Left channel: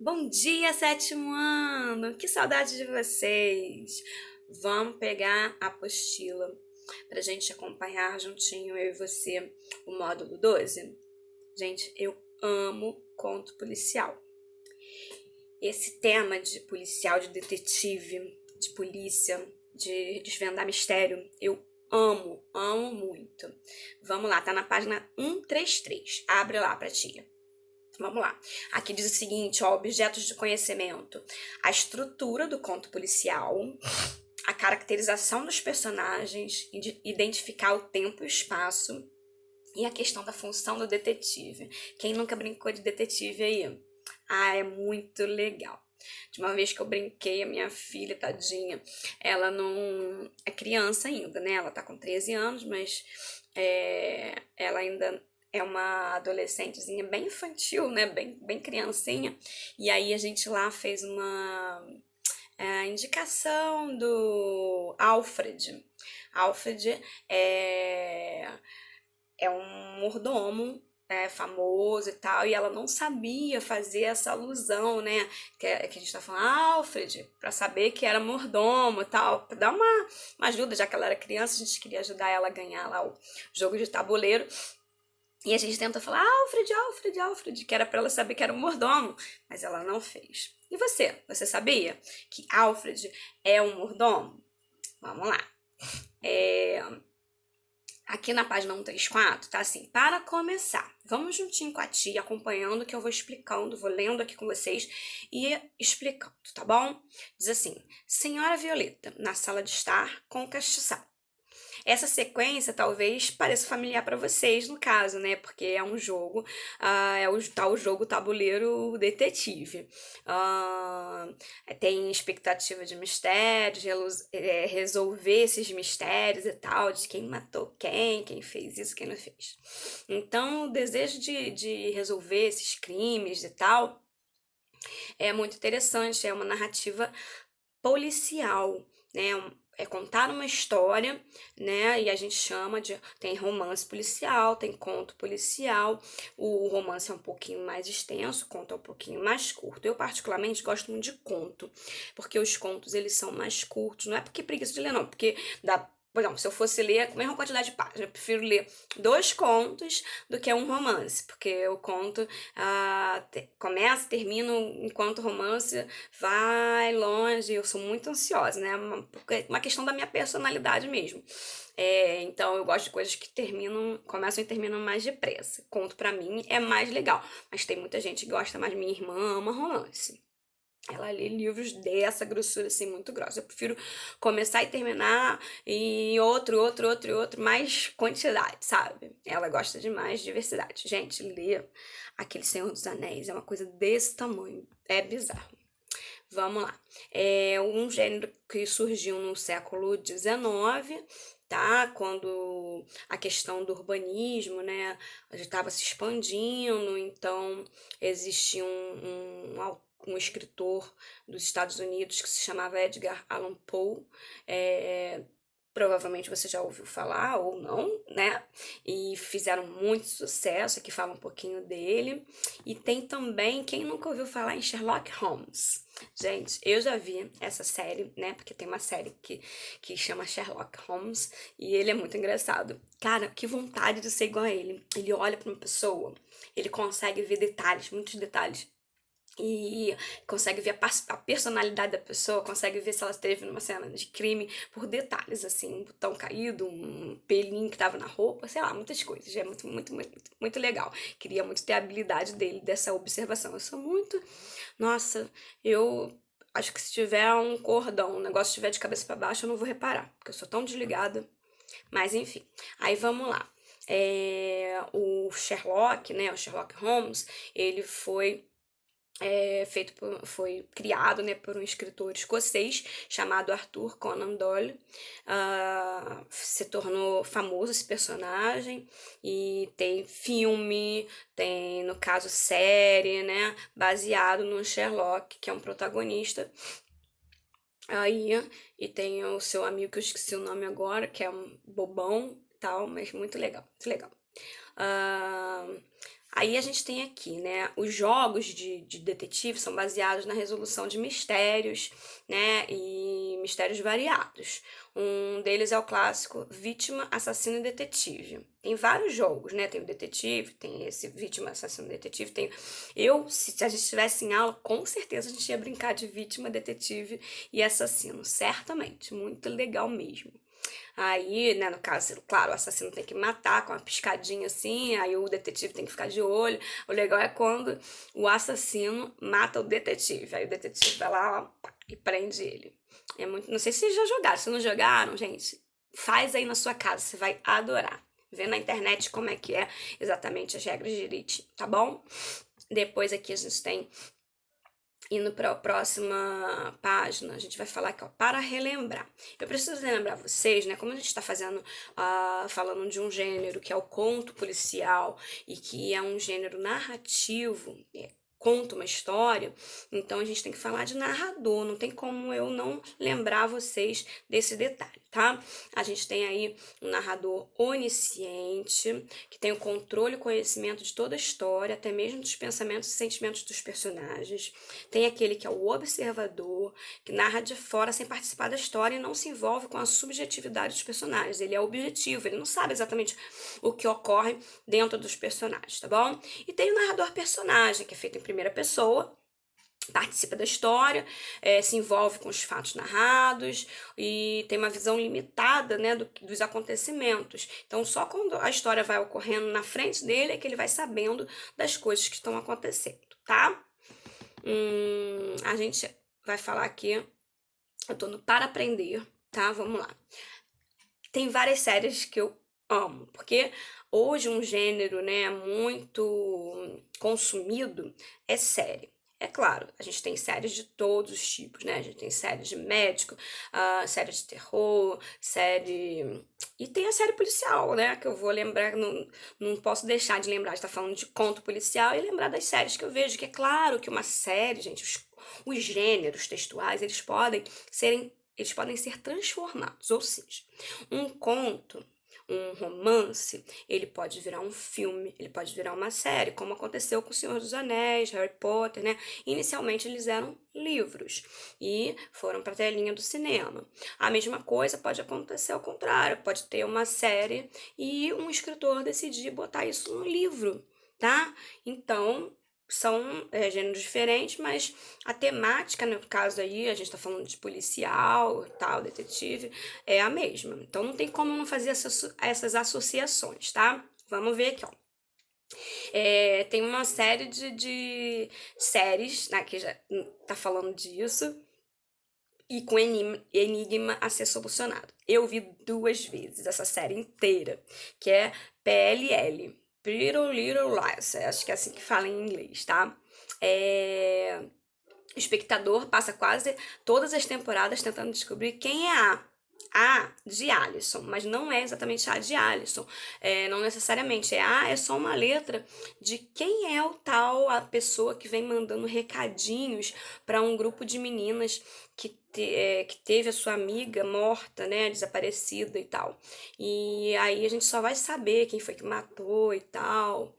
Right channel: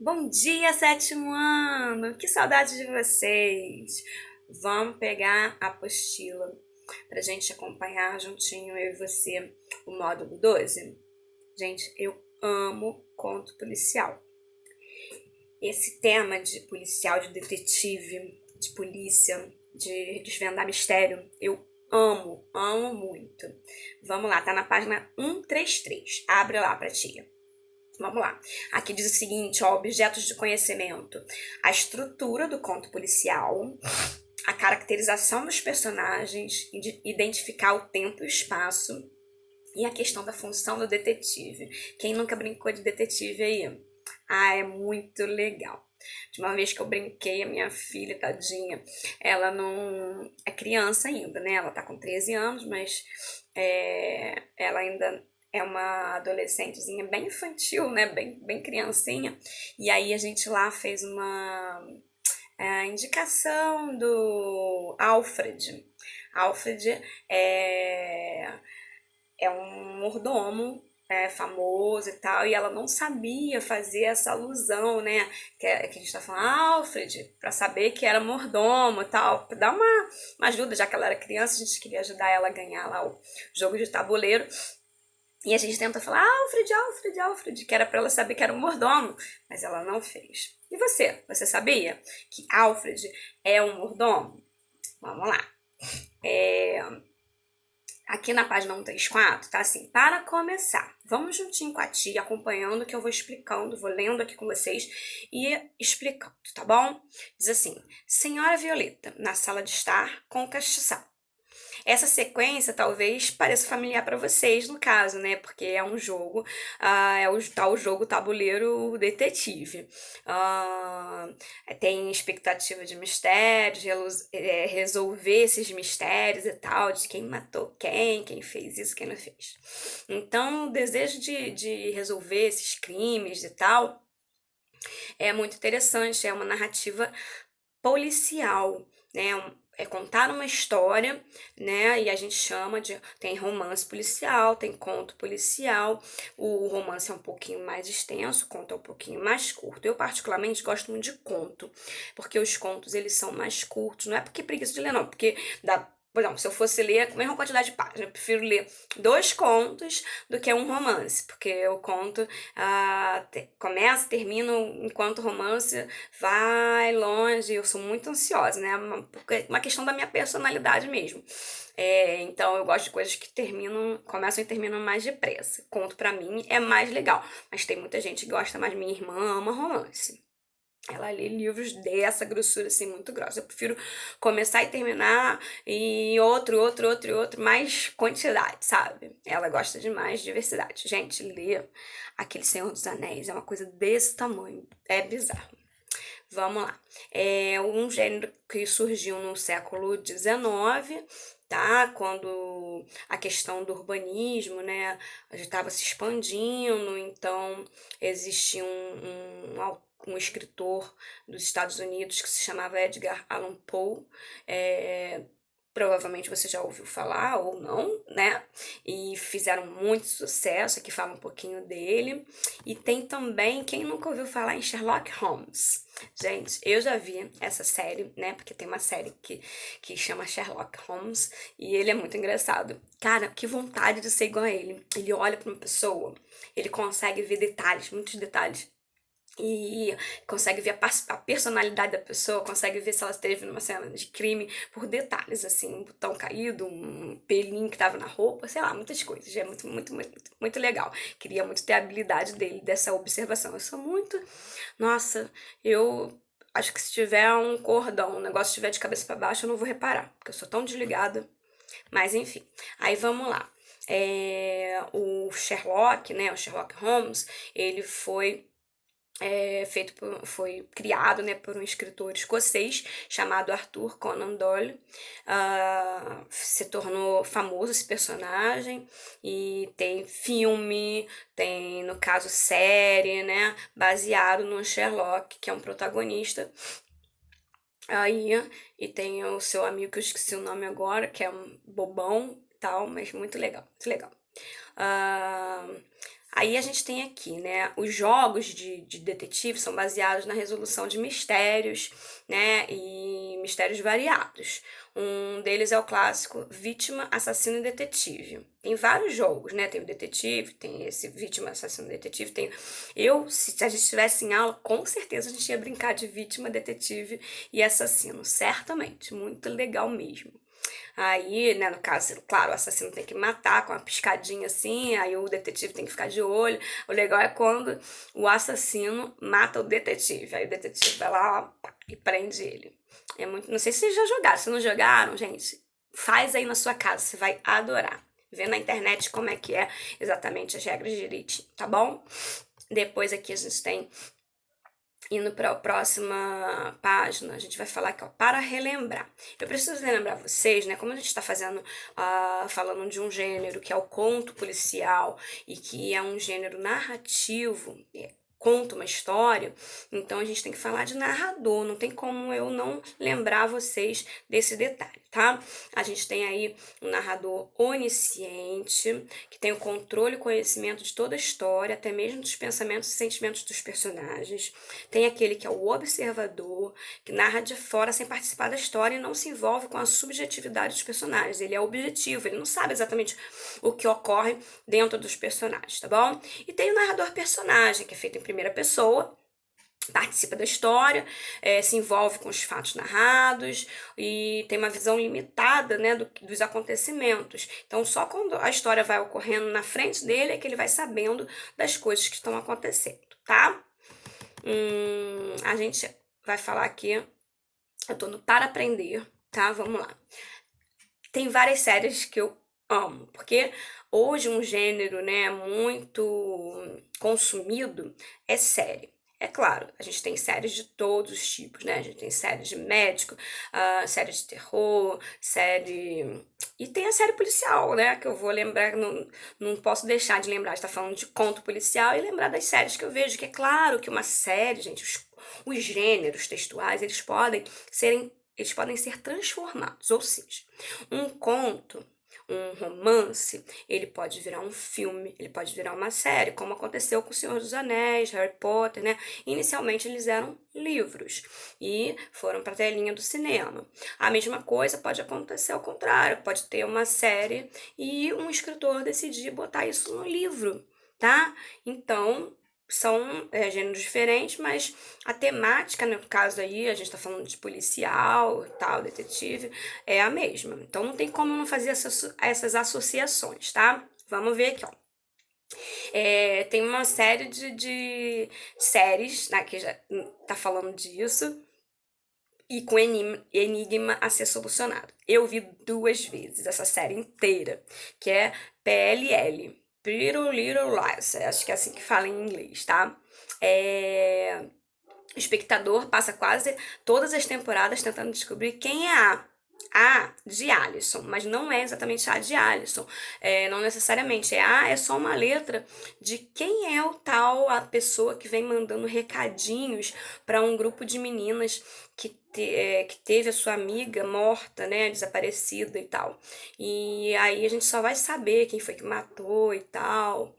Bom dia, sétimo ano! Que saudade de vocês! Vamos pegar a apostila pra gente acompanhar juntinho, eu e você, o módulo 12. Gente, eu amo conto policial. Esse tema de policial, de detetive, de polícia, de desvendar mistério, eu amo, amo muito. Vamos lá, tá na página 133. Abre lá pra tia. Vamos lá. Aqui diz o seguinte, ó, objetos de conhecimento. A estrutura do conto policial, a caracterização dos personagens, identificar o tempo e o espaço e a questão da função do detetive. Quem nunca brincou de detetive aí? Ah, é muito legal. De uma vez que eu brinquei, a minha filha, tadinha, ela não é criança ainda, né? Ela tá com 13 anos, mas ela ainda é uma adolescentezinha bem infantil, né? Bem criancinha. E aí a gente lá fez uma indicação do Alfred. Alfred é um mordomo famoso e tal, e ela não sabia fazer essa alusão, né? Que a gente tá falando, Alfred, pra saber que era mordomo e tal, pra dar uma ajuda, já que ela era criança, a gente queria ajudar ela a ganhar lá o jogo de tabuleiro. E a gente tenta falar, Alfred, Alfred, Alfred, que era pra ela saber que era um mordomo, mas ela não fez. E você? Você sabia que Alfred é um mordomo? Vamos lá. Aqui na página 134, tá assim, para começar, vamos juntinho com a tia, acompanhando que eu vou explicando, vou lendo aqui com vocês e explicando, tá bom? Diz assim, Senhora Violeta, na sala de estar com o castiçal. Essa sequência talvez pareça familiar para vocês, no caso, né? Porque é um jogo, é o tal jogo tabuleiro detetive. Ah, tem expectativa de mistérios, resolver esses mistérios e tal, de quem matou quem fez isso, quem não fez. Então, o desejo de resolver esses crimes e tal é muito interessante, é uma narrativa policial, né? É contar uma história, né? E a gente chama de. Tem romance policial, tem conto policial. O romance é um pouquinho mais extenso, o conto é um pouquinho mais curto. Eu, particularmente, gosto muito de conto, porque os contos eles são mais curtos. Não é porque preguiça de ler, não, porque dá. Por exemplo, se eu fosse ler a mesma quantidade de páginas, eu prefiro ler dois contos do que um romance, porque o conto começa, termina, enquanto o romance vai longe, eu sou muito ansiosa, né? Uma questão da minha personalidade mesmo. Então eu gosto de coisas que começam e terminam mais depressa. Conto pra mim é mais legal, mas tem muita gente que gosta mais. Minha irmã ama romance. Ela lê livros dessa grossura, assim, muito grossa. Eu prefiro começar e terminar e outro, mais quantidade, sabe? Ela gosta de mais diversidade. Gente, ler aquele Senhor dos Anéis é uma coisa desse tamanho. É bizarro. Vamos lá. É um gênero que surgiu no século XIX, tá? Quando a questão do urbanismo, né, estava se expandindo, então existia um escritor dos Estados Unidos que se chamava Edgar Allan Poe. É, provavelmente você já ouviu falar ou não, né? E fizeram muito sucesso. Aqui fala um pouquinho dele. E tem também, quem nunca ouviu falar em Sherlock Holmes? Gente, eu já vi essa série, né? Porque tem uma série que chama Sherlock Holmes e ele é muito engraçado. Cara, que vontade de ser igual a ele. Ele olha pra uma pessoa, ele consegue ver detalhes, muitos detalhes. E consegue ver a personalidade da pessoa, consegue ver se ela esteve numa cena de crime por detalhes, assim, um botão caído, um pelinho que tava na roupa, sei lá, muitas coisas. É muito legal. Queria muito ter a habilidade dele, dessa observação. Eu sou muito nossa, eu acho que se tiver um cordão, um negócio estiver de cabeça para baixo, eu não vou reparar, porque eu sou tão desligada. Mas enfim, aí vamos lá. O Sherlock, né, o Sherlock Holmes, ele foi criado, né, por um escritor escocês chamado Arthur Conan Doyle. Se tornou famoso esse personagem e tem filme, tem, no caso, série, né, baseado no Sherlock, que é um protagonista. Aí, e tem o seu amigo, que eu esqueci o nome agora, que é um bobão e tal, mas muito legal, muito legal. Ah, Aí a gente tem aqui, né, os jogos de detetive são baseados na resolução de mistérios, né, e mistérios variados. Um deles é o clássico Vítima, Assassino e Detetive. Tem vários jogos, né? Tem o detetive, tem esse Vítima, Assassino e Detetive, tem... se a gente estivesse em aula, com certeza a gente ia brincar de vítima, detetive e assassino, certamente. Muito legal mesmo. Aí, né, no caso, claro, o assassino tem que matar com uma piscadinha assim, aí o detetive tem que ficar de olho. O legal é quando o assassino mata o detetive. Aí o detetive vai lá, ó, pá, e prende ele. É muito, não sei se vocês já jogaram. Se não jogaram, gente, faz aí na sua casa, você vai adorar. Vê na internet como é que é exatamente as regras direitinho, tá bom? Depois aqui a gente tem, indo para a próxima página, a gente vai falar aqui, ó, para relembrar. Eu preciso relembrar vocês, né, como a gente está fazendo, falando de um gênero que é o conto policial e que é um gênero narrativo, conta uma história, então a gente tem que falar de narrador, não tem como eu não lembrar vocês desse detalhe, tá? A gente tem aí um narrador onisciente, que tem o controle e conhecimento de toda a história, até mesmo dos pensamentos e sentimentos dos personagens. Tem aquele que é o observador, que narra de fora sem participar da história e não se envolve com a subjetividade dos personagens. Ele é objetivo, ele não sabe exatamente o que ocorre dentro dos personagens, tá bom? E tem o narrador personagem, que é feito em primeira pessoa, participa da história, se envolve com os fatos narrados e tem uma visão limitada, né, dos acontecimentos. Então, só quando a história vai ocorrendo na frente dele é que ele vai sabendo das coisas que estão acontecendo, tá? A gente vai falar aqui, eu tô no Para Aprender, tá? Vamos lá. Tem várias séries que eu amo, porque hoje um gênero, né, muito consumido é série. É claro, a gente tem séries de todos os tipos, né? A gente tem série de médico, série de terror, série. E tem a série policial, né? Que eu vou lembrar, não posso deixar de lembrar de estar falando de conto policial e lembrar das séries que eu vejo, que é claro que uma série, gente, os gêneros textuais, eles podem ser transformados, ou seja, um conto, um romance, ele pode virar um filme, ele pode virar uma série, como aconteceu com O Senhor dos Anéis, Harry Potter, né? Inicialmente eles eram livros e foram para a telinha do cinema. A mesma coisa pode acontecer ao contrário, pode ter uma série e um escritor decidir botar isso no livro, tá? Então, são gêneros diferentes, mas a temática, no caso aí, a gente tá falando de policial, tal, detetive, é a mesma. Então não tem como não fazer essas associações, tá? Vamos ver aqui, ó. Tem uma série de séries, né, que já tá falando disso, e com enigma a ser solucionado. Eu vi 2 vezes essa série inteira, que é PLL, Pretty Little Lies, acho que é assim que fala em inglês, tá? O espectador passa quase todas as temporadas tentando descobrir quem é A de Alisson, mas não é exatamente A de Alisson. Não necessariamente. É só uma letra de quem é o tal, a pessoa que vem mandando recadinhos para um grupo de meninas que teve a sua amiga morta, né, desaparecida e tal. E aí a gente só vai saber quem foi que matou e tal.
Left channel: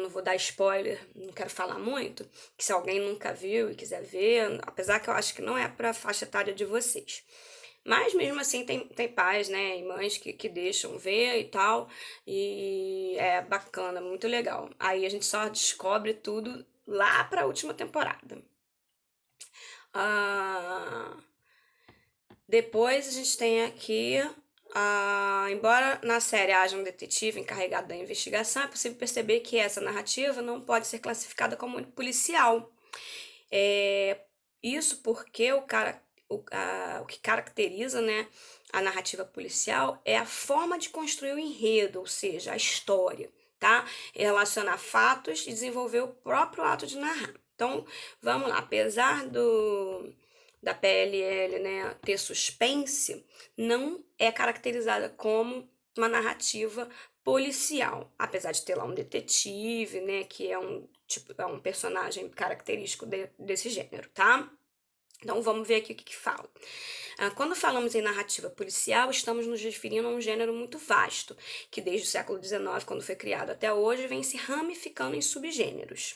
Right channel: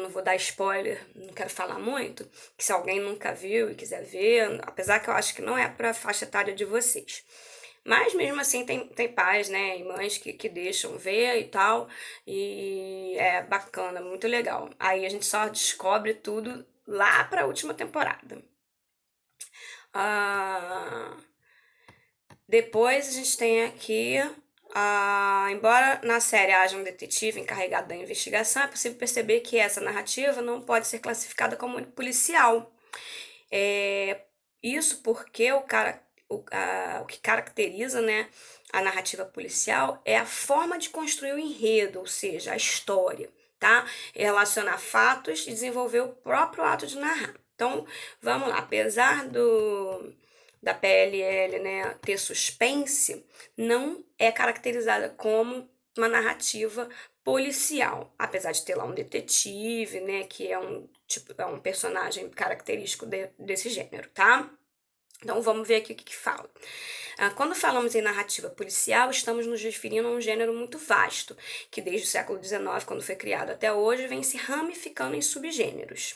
Não vou dar spoiler, não quero falar muito, que se alguém nunca viu e quiser ver, apesar que eu acho que não é para a faixa etária de vocês. Mas mesmo assim tem pais, né, e mães que deixam ver e tal, e é bacana, muito legal. Aí a gente só descobre tudo lá para a última temporada. Ah, Depois a gente tem aqui, embora na série haja um detetive encarregado da investigação, é possível perceber que essa narrativa não pode ser classificada como policial. Isso porque o que caracteriza, né, a narrativa policial é a forma de construir o enredo, ou seja, a história, tá? Relacionar fatos e desenvolver o próprio ato de narrar. Então, vamos lá, apesar da PLL, né, ter suspense, não é caracterizada como uma narrativa policial, apesar de ter lá um detetive, né, que é um personagem característico desse gênero, tá? Então, vamos ver aqui o que fala. Quando falamos em narrativa policial, estamos nos referindo a um gênero muito vasto, que desde o século XIX, quando foi criado até hoje, vem se ramificando em subgêneros.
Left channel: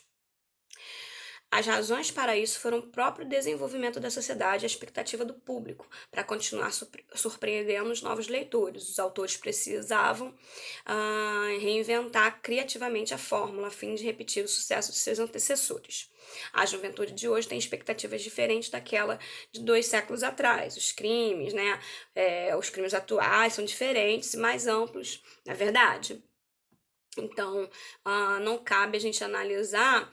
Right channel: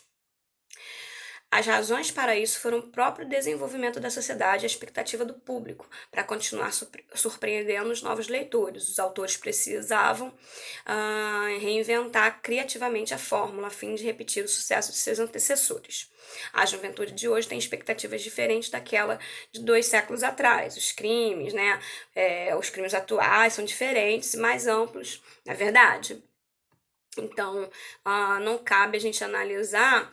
As razões para isso foram o próprio desenvolvimento da sociedade e a expectativa do público para continuar surpreendendo os novos leitores. Os autores precisavam reinventar criativamente a fórmula a fim de repetir o sucesso de seus antecessores. A juventude de hoje tem expectativas diferentes daquela de 2 séculos atrás. Os crimes, os crimes atuais são diferentes e mais amplos, na verdade. Então, não cabe a gente analisar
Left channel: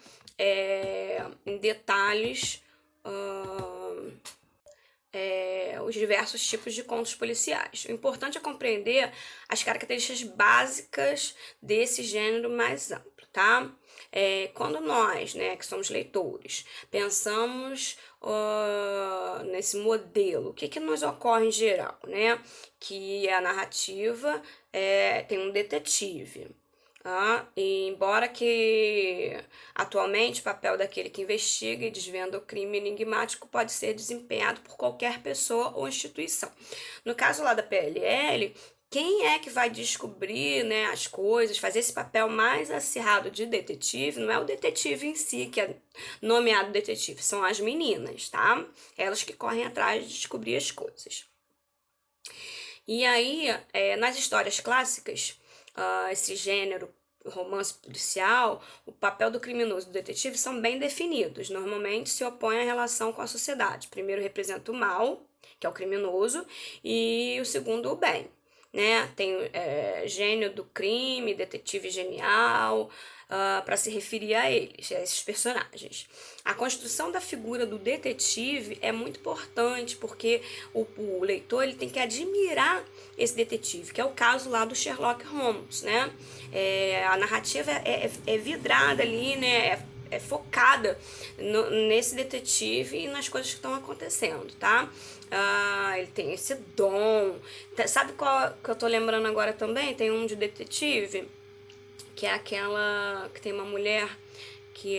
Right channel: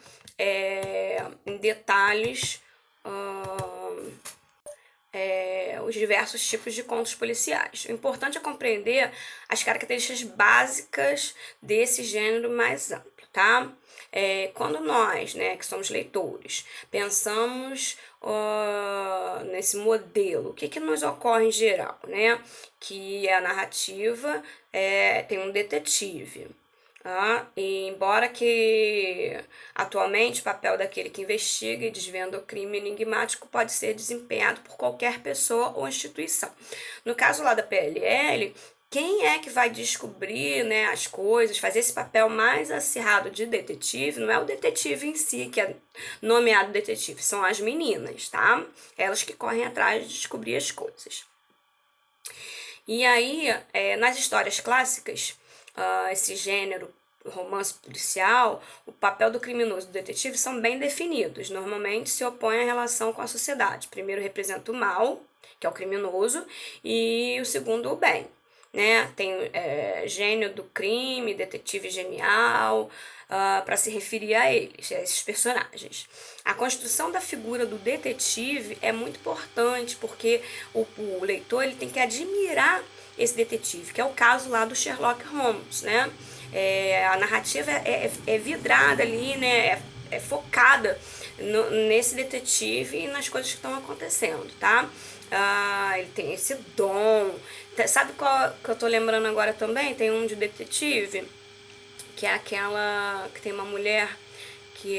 em detalhes os diversos tipos de contos policiais. O importante é compreender as características básicas desse gênero mais amplo, tá? Quando nós, que somos leitores, pensamos nesse modelo, o que nos ocorre em geral, né? Que a narrativa tem um detetive. E embora que atualmente o papel daquele que investiga e desvenda o crime enigmático pode ser desempenhado por qualquer pessoa ou instituição. No caso lá da PLL, quem é que vai descobrir, as coisas, fazer esse papel mais acirrado de detetive, não é o detetive em si que é nomeado detetive, são as meninas, tá? Elas que correm atrás de descobrir as coisas. E aí, nas histórias clássicas, esse gênero romance policial, o papel do criminoso e do detetive são bem definidos. Normalmente se opõe à relação com a sociedade. Primeiro representa o mal, que é o criminoso, e o segundo o bem. Tem gênio do crime, detetive genial, para se referir a eles, a esses personagens. A construção da figura do detetive é muito importante, porque o leitor ele tem que admirar esse detetive, que é o caso lá do Sherlock Holmes, a narrativa é vidrada ali, é focada nesse detetive e nas coisas que estão acontecendo, tá? Ele tem esse dom. Sabe qual que eu tô lembrando agora também? Tem um de detetive, que é aquela que tem uma mulher que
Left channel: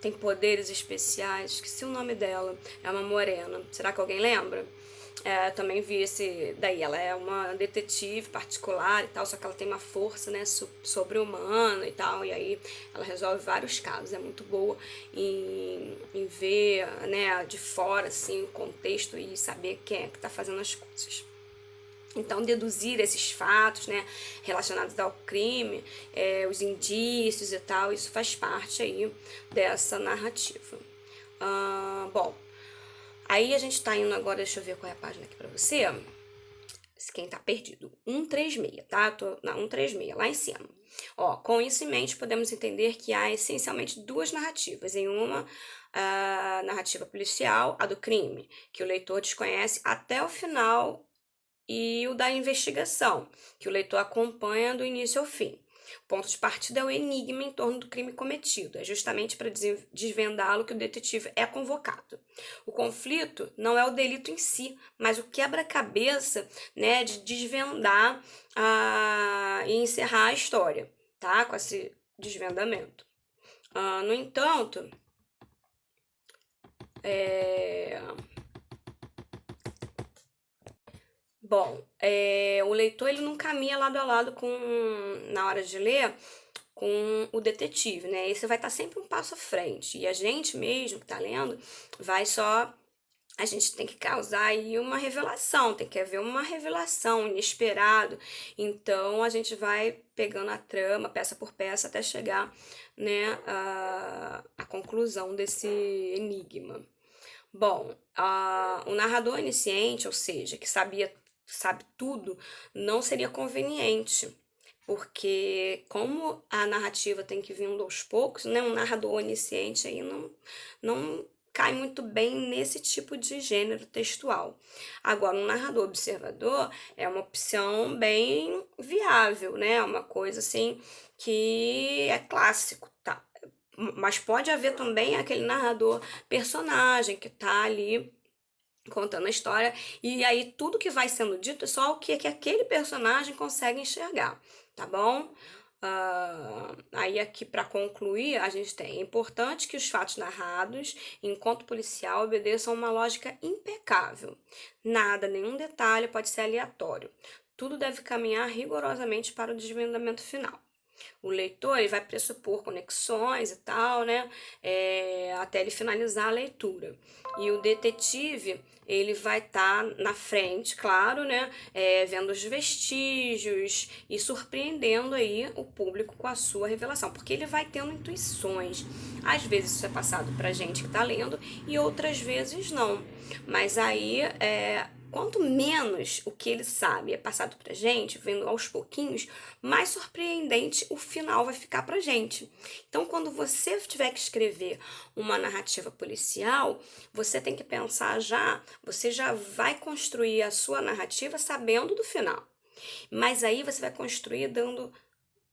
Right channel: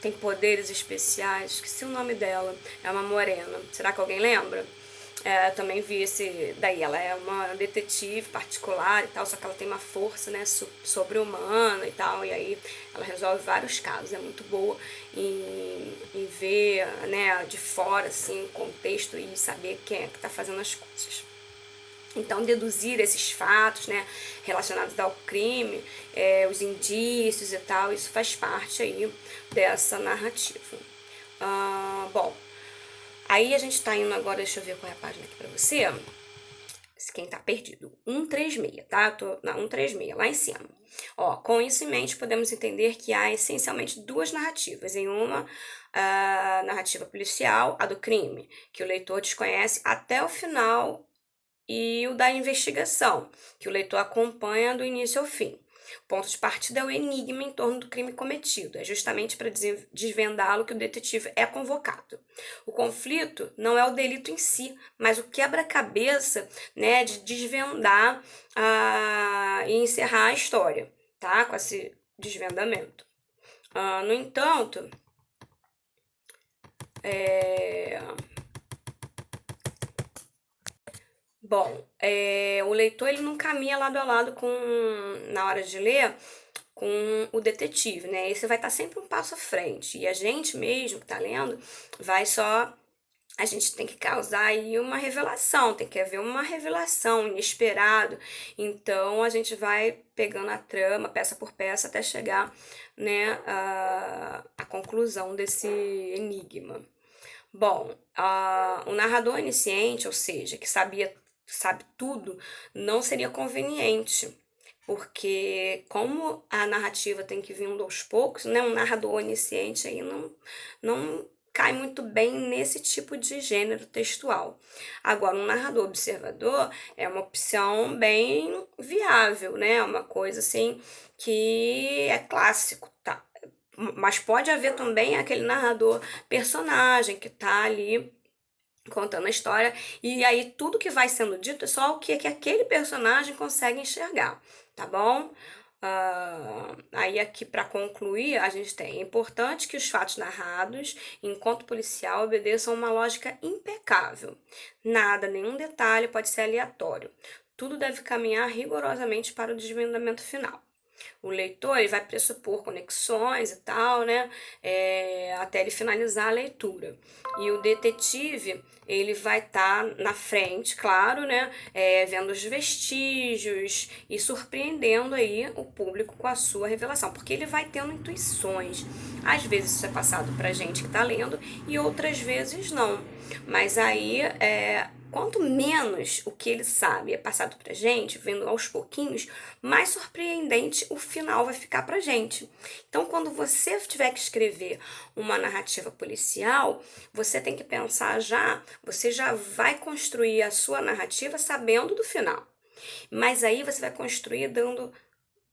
tem poderes especiais. Esqueci o nome dela. É uma morena. Será que alguém lembra? Também vi esse daí, ela é uma detetive particular e tal, só que ela tem uma força, sobre-humana e tal, e aí ela resolve vários casos, é muito boa em ver, de fora, assim, o contexto e saber quem é que tá fazendo as coisas. Então, deduzir esses fatos, relacionados ao crime, os indícios e tal, isso faz parte aí dessa narrativa. Bom, aí a gente tá indo agora, deixa eu ver qual é a página aqui pra você. Quem tá perdido, 136, tá? Tô na 136, lá em cima. Com isso em mente, podemos entender que há essencialmente duas narrativas. Em uma, a narrativa policial, a do crime, que o leitor desconhece até o final, e o da investigação, que o leitor acompanha do início ao fim. O ponto de partida é o enigma em torno do crime cometido. É justamente para desvendá-lo que o detetive é convocado. O conflito não é o delito em si, mas o quebra-cabeça, de desvendar e encerrar a história, tá? Com esse desvendamento. No entanto, Bom, o leitor ele não caminha lado a lado na hora de ler com o detetive, né? Esse vai estar sempre um passo à frente. E a gente mesmo que está lendo vai só. A gente tem que causar aí uma revelação, tem que haver uma revelação inesperado. Então a gente vai pegando a trama, peça por peça, até chegar, à conclusão desse enigma. Bom, o narrador onisciente, ou seja, que sabe tudo, não seria conveniente, porque como a narrativa tem que vir aos poucos, um narrador onisciente aí não cai muito bem nesse tipo de gênero textual. Agora, um narrador observador é uma opção bem viável, uma coisa assim que é clássico, tá? Mas pode haver também aquele narrador personagem que tá ali contando a história, e aí tudo que vai sendo dito é só o que aquele personagem consegue enxergar, tá bom? Aí aqui para concluir, a gente tem: é importante que os fatos narrados, enquanto policial, obedeçam uma lógica impecável. Nada, nenhum detalhe pode ser aleatório. Tudo deve caminhar rigorosamente para o desvendamento final. O leitor ele vai pressupor conexões e tal, né? Até ele finalizar a leitura. E o detetive ele vai estar na frente, claro, né? Vendo os vestígios e surpreendendo aí o público com a sua revelação, porque ele vai tendo intuições. Às vezes isso é passado pra gente que tá lendo e outras vezes não. Mas aí quanto menos o que ele sabe é passado pra gente, vendo aos pouquinhos, mais surpreendente o final vai ficar pra gente. Então, quando você tiver que escrever uma narrativa policial, você tem que pensar você já vai construir a sua narrativa sabendo do final. Mas aí você vai construir dando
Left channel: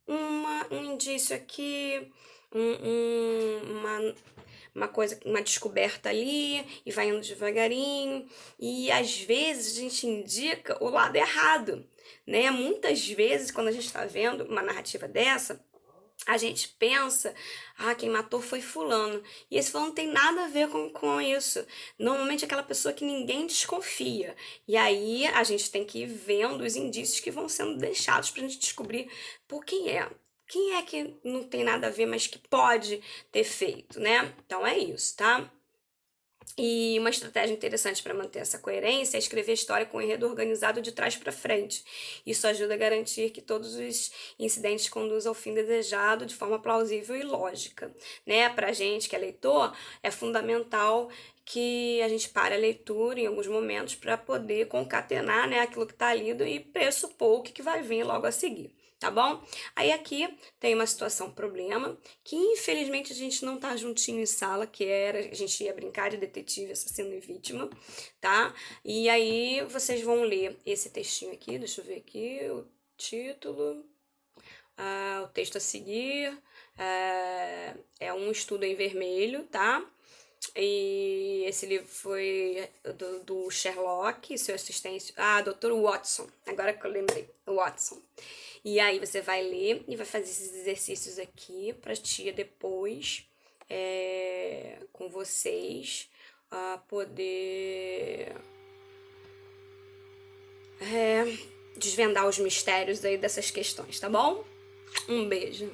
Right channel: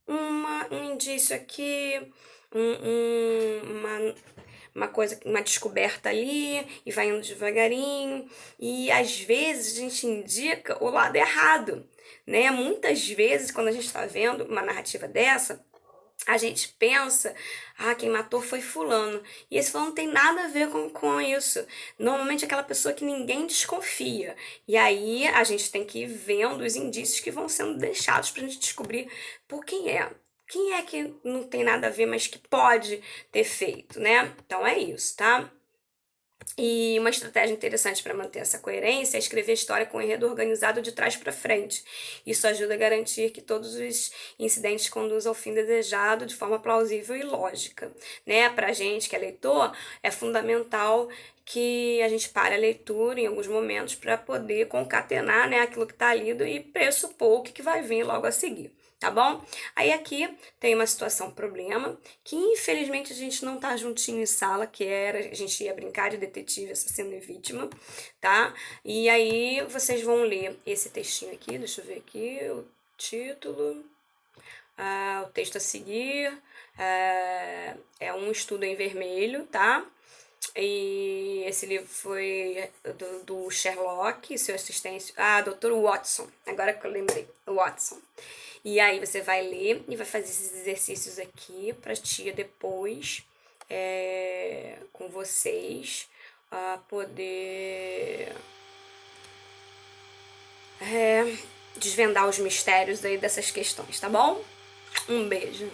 um indício aqui, uma coisa, uma descoberta ali, e vai indo devagarinho, e às vezes a gente indica o lado errado, né? Muitas vezes, quando a gente está vendo uma narrativa dessa, a gente pensa, quem matou foi fulano. E esse fulano não tem nada a ver com isso. Normalmente é aquela pessoa que ninguém desconfia. E aí a gente tem que ir vendo os indícios que vão sendo deixados pra gente descobrir por quem é. Quem é que não tem nada a ver, mas que pode ter feito, né? Então é isso, tá? E uma estratégia interessante para manter essa coerência é escrever a história com o enredo organizado de trás para frente. Isso ajuda a garantir que todos os incidentes conduzam ao fim desejado de forma plausível e lógica, né? Para gente que é leitor, é fundamental que a gente pare a leitura em alguns momentos para poder concatenar, né, aquilo que está lido e pressupor o que vai vir logo a seguir. Tá bom? Aí aqui tem uma situação problema que infelizmente a gente não tá juntinho em sala, que era a gente ia brincar de detetive, assassino e vítima, tá? E aí vocês vão ler esse textinho aqui, deixa eu ver aqui o título, o texto a seguir, é um estudo em vermelho, tá? E esse livro foi do Sherlock, seu assistente. Dr. Watson. Agora que eu lembrei, Watson. E aí você vai ler e vai fazer esses exercícios aqui pra tia depois, com vocês, poder desvendar os mistérios aí dessas questões, tá bom? Um beijo.